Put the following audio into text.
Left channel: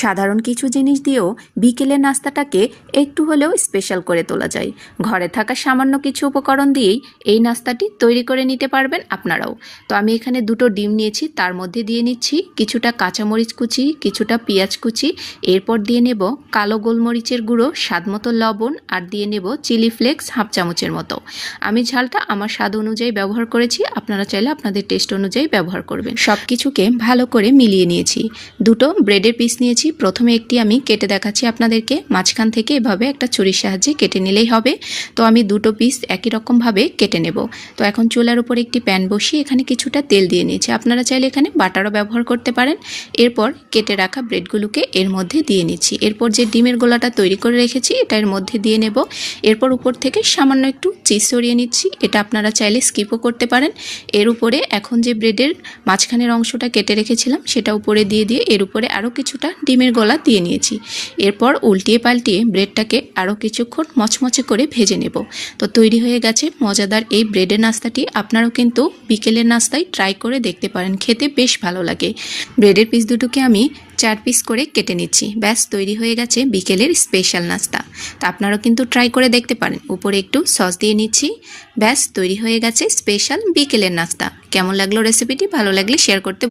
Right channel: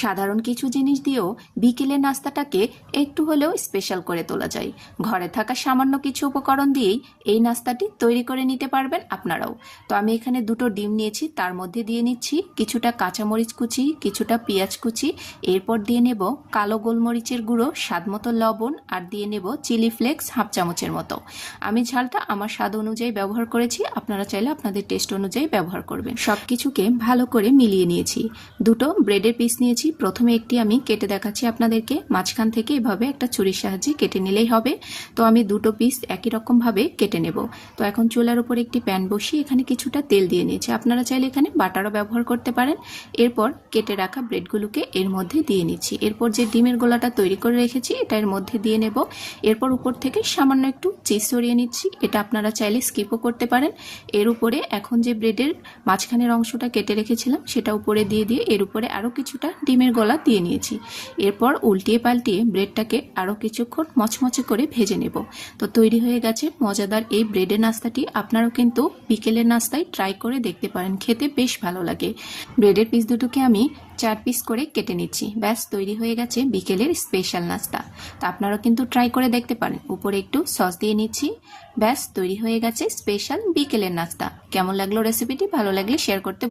সাধারণ কিছু জিনিস দিয়েও বিকেলের নাস্তাটাকে একটু হলেও স্পেশাল করে তোলা যায়। ঘরে থাকা সামান্য কিছু উপকরণ দিয়েই এই নাস্তাটি তৈরি করে নিতে পারবেন আপনারাও। তো আমি এখানে দুটো ডিম নিয়েছি, তার মধ্যে দিয়ে নিচ্ছি কিছুটা কাঁচামরিচ কুচি, কিছুটা পেঁয়াজ কুচি, এরপর দিয়ে নেব কালো গোলমরিচের গুঁড়ো, স্বাদমতো লবণ, আর দিয়ে নেব চিলি ফ্লেক্স হাফ চামচের মতো। আমি ঝালটা আমার স্বাদ অনুযায়ী ব্যবহার করেছি, আপনারা চাইলে আপনাদের টেস্ট অনুযায়ী ব্যবহার করবেন। সব কিছুকে ভালো করে মিলিয়ে নিয়েছি। দুটো ব্রেডের পিস নিয়েছি, প্রথমে একটি আমি কেটে দেখাচ্ছি আপনাদেরকে। মাঝখান থেকে এভাবে একটা ছুরির সাহায্যে কেটে নিলেই হবে। তো আমি দুটো পিস একই রকমভাবে কেটে নেব। তো এখন চুলার উপর একটি প্যান বসিয়ে এখানে কিছুটা তেল দিয়ে নিয়েছি, আপনারা চাইলে এখানে বাটারও ব্যবহার করতে পারেন। এরপর কেটে রাখা ব্রেডগুলোকে এর মধ্যে দিয়ে নিচ্ছি। এরপর যে ডিমের গোলাটা তৈরি করে রেখেছি এটা এর মধ্যে দিয়ে নেব। এরপর উপর থেকে সামান্য একটু চিজ ছড়িয়ে নিচ্ছি, এটা আপনারা চাইলে স্কিপও করতে পারেন। এর উপরে এখন যে ব্রেডের মাঝখানের অংশটা কেটে রেখেছিলাম সেটা উপরে দিয়ে এর উপরে আরও কিছুটা ডিমের গোলা দিয়ে নিয়েছি। এরপর উল্টিয়ে পাল্টিয়ে ব্রেডটাকে আরও কিছুক্ষণ মচমচে করে ভেজে নেব। তো তৈরি হয়ে গেছে মজাদার এই ব্রেডের নাস্তাটি। আপনারাও কিন্তু বিকেলের নাস্তায় ট্রাই করে দেখতে পারেন, খেতে বেশ ভালো লাগে। ব্রেডের পিস দুটোকে আমি 4 পিস করে কেটে নিচ্ছি। ব্যাস তৈরি হয়ে গেছে বিকেলের স্পেশাল নাস্তা। তা আপনারাও কিন্তু ট্রাই করে দেখতে পারেন। উপরে একটু সস দিয়ে নিচ্ছি। ব্যাস তৈরি হয়ে গেছে স্পেশাল বিকেলের নাস্তা। কেমন লাগলো রেসিপিটি? ভালো লাগলে শেয়ার করতে